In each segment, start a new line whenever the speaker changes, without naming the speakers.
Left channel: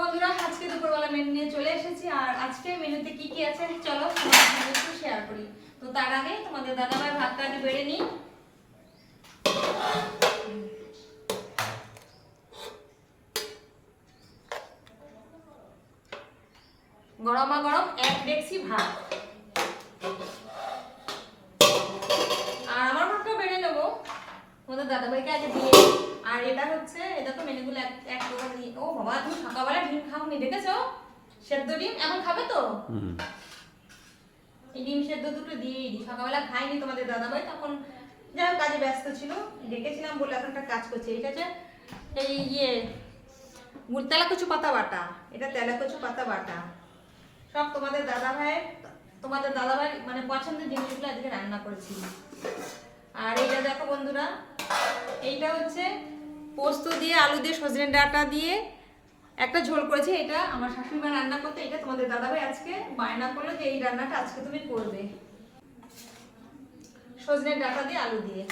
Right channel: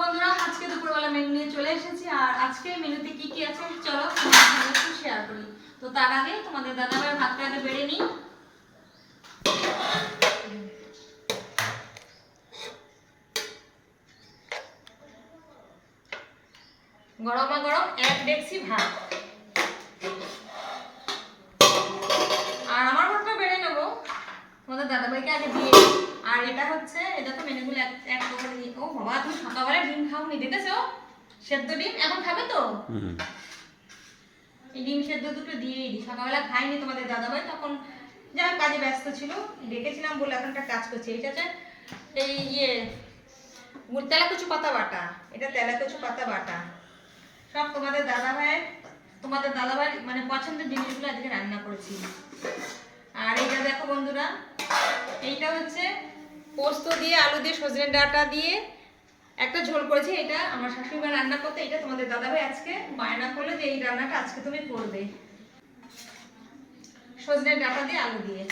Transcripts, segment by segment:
বন্ধুরা, আজকে দুপুরবেলা মেনু নিয়ে চলে এসেছি। আর আজকে মেনুতে কি কি আছে? চলো একটু শেয়ার করি। তো তার আগে তোমাদের দাদাভাই বেড়ে নিই গরমা গরম এক ডেকসি ভাত। আর আমার ভাতটা বেড়ে নেব। তোমাদের দাদাভাইকে আগে দিয়ে। আর এটা হচ্ছে এটা তো মেনুগুলো এক এক প্রকার ও বাবা তুমি সকালবেলা ডিম খাওনি দেখেছ? সেদ্ধ ডিম? এখন খাবে তো? এই ডিম সেদ্ধ দুটো দিয়েই দিই। সকালবেলা খাইনি তোমাদের দাদাভাই তখন যারা কাজে ব্যস্ত ছিল। ডেকেছিলাম বলে এখন একটা কাজ করছি। এটা হচ্ছে এই ইয়ে গুড় তেলাকুচু পাতা বাটা। এটা তেলাকুচু পাতা বাটা। সব তোমাদের দাদাভাইয়ের তোমাদের দাদাভাই মানে পছন্দের জিনিসগুলো আজকে রান্না করেছি। আর এইটা দেখো বন্ধুরা এইটা হচ্ছে পোস্ত দিয়ে, আলু দিয়ে, সজনে ডাঁটা দিয়ে একটা ঝোল করেছি। এটা আমার শাশুড়ি মা রান্না করতে, এটা তোমাদের দাদাভাই আজকে বায়না করল যে এই রান্নাটা আজকে তুমি করবে। সজনে ডাঁটা দিয়ে, আলু দিয়ে।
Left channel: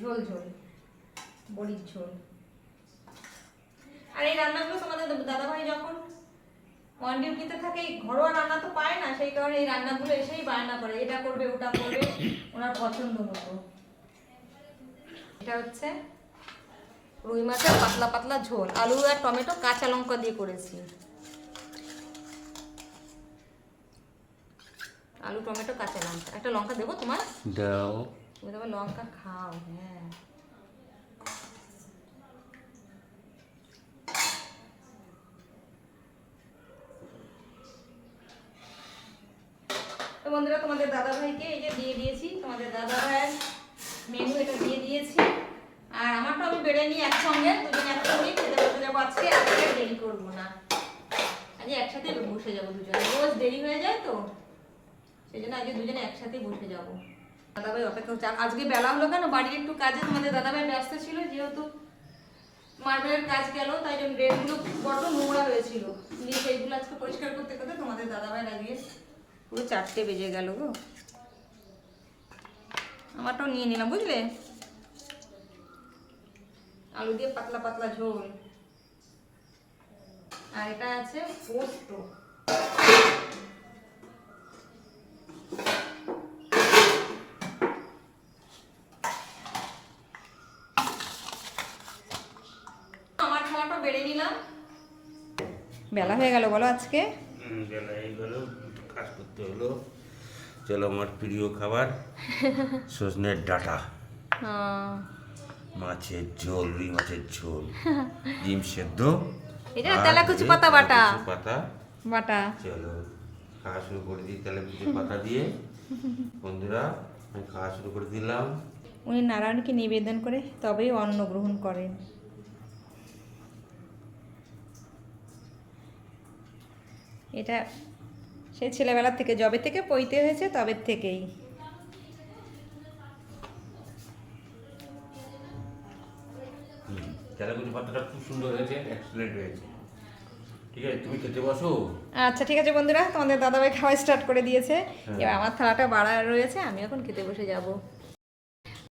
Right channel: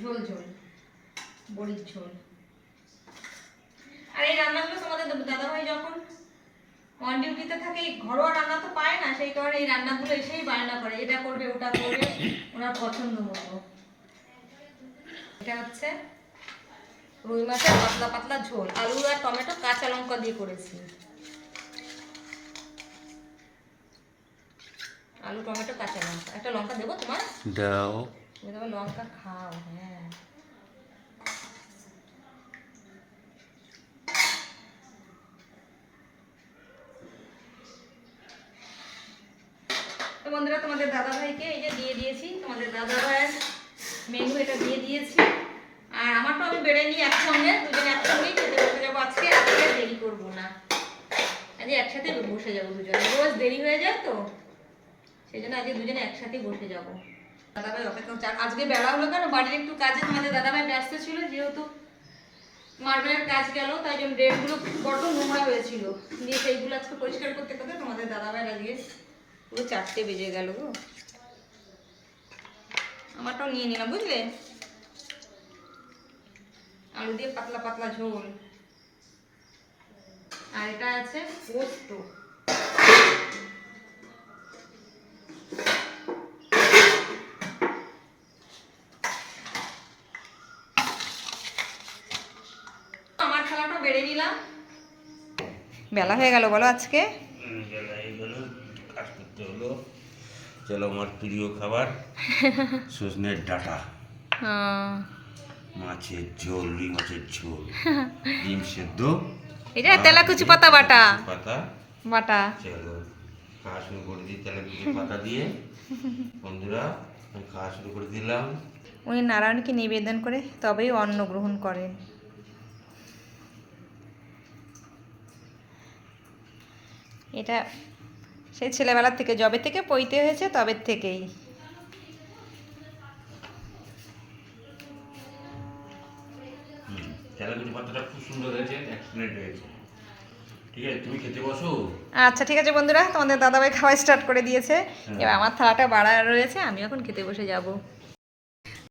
ঝোল ঝোল। বড়ির ঝোল। আর এই রান্নাগুলো তোমাদের দাদাভাই যখন অন ডিউটিতে থাকে ঘরোয়া রান্না তো পায় না, সেই কারণে এই রান্নাগুলো এসেই বায়না করে, এটা করবে, ওটা করবে, ওনার পছন্দ মতো। এটা হচ্ছে রুই মাছের পাতলা পাতলা ঝোল আলু আর টমেটো কাঁচা লঙ্কা দিয়ে করেছি। আলু টমেটো কাঁচা লঙ্কা। একটা লঙ্কা দেবো তোমার?
দাও।
তুমি লঙ্কা খাও হ্যাঁ। বন্ধুরা তোমাদের দাদা ভাইকে এই যে দিয়ে দিয়েছি। তোমাদের দাদা ভাইয়ের মেনু এটা দিয়ে দিয়েছি। বেড়ে নিই একসঙ্গে, দুজনে একসঙ্গে খেতে বসে যাব আজকে আজকে দেরি করব না। আজকে একসাথে বসে যাব দুজনে। রোজ দেরি হয়ে যায় তো? সেই জন্য আজকে দুজনে একসাথেই বসে যাব। দাদাভাই অপেক্ষা করছে। আজকে বেলা হলো কেন? বাড়ির একটু কাজে তোমাদের দাদাভাই ব্যস্ত ছিল, যেহেতু মার্বেলের কাজ গেল, তাই জন্য ড্রেনগুলো বড্ড নোংরা হয়েছিল দিয়ে সেইগুলো আজকে পরিষ্কার করতে করতে তোমাদের দাদাভাই আজকে পুরো চারটে বেজে গেল গো। আমারটাও নিয়ে নিলাম, বুঝলে? আলু দিয়ে পাতলা পাতলা ঝোল। আর এটা আছে পোস্ত। আমার খালাটা বেড়ে নিলাম। বেলা হয়ে গেল বলো আজকে।
বেলা এই গেল কাজ করতে হলো। চলো আমার প্রিয় খাবার সজনের ডাটা। মাছের ঝোল রুই মাছের ঝোল। ডিম সেদ্ধ।
এটা তেলাকুচি পাতা বাটা।
পাতা।
বাটা।
চলো খাওয়া শুরু করে দিই তেলাকুচি পাতা দিয়ে। বন্ধুরা আমি খাওয়া শুরু করে দিলাম।
উনি নারায়ণকে নিবেদন করে তবেই অন্ন গ্রহণ করেন। এটা সেই ছেলেবেলার থেকে জবে থেকে পইতে হয়েছে তবে থেকেই।
তেলাকুচি খুব সুন্দর হয়েছে এক্সিলেন্ট হয়েছে। ঠিক আছে তুমি খেতে বসো।
আচ্ছা ঠিক আছে বন্ধুরা তোমাদের দাদাভাই খাওয়া স্টার্ট করে দিয়েছে। এবার আমার থালাটা বাড়া রয়েছে আমি এখন খেতে বসে যাব।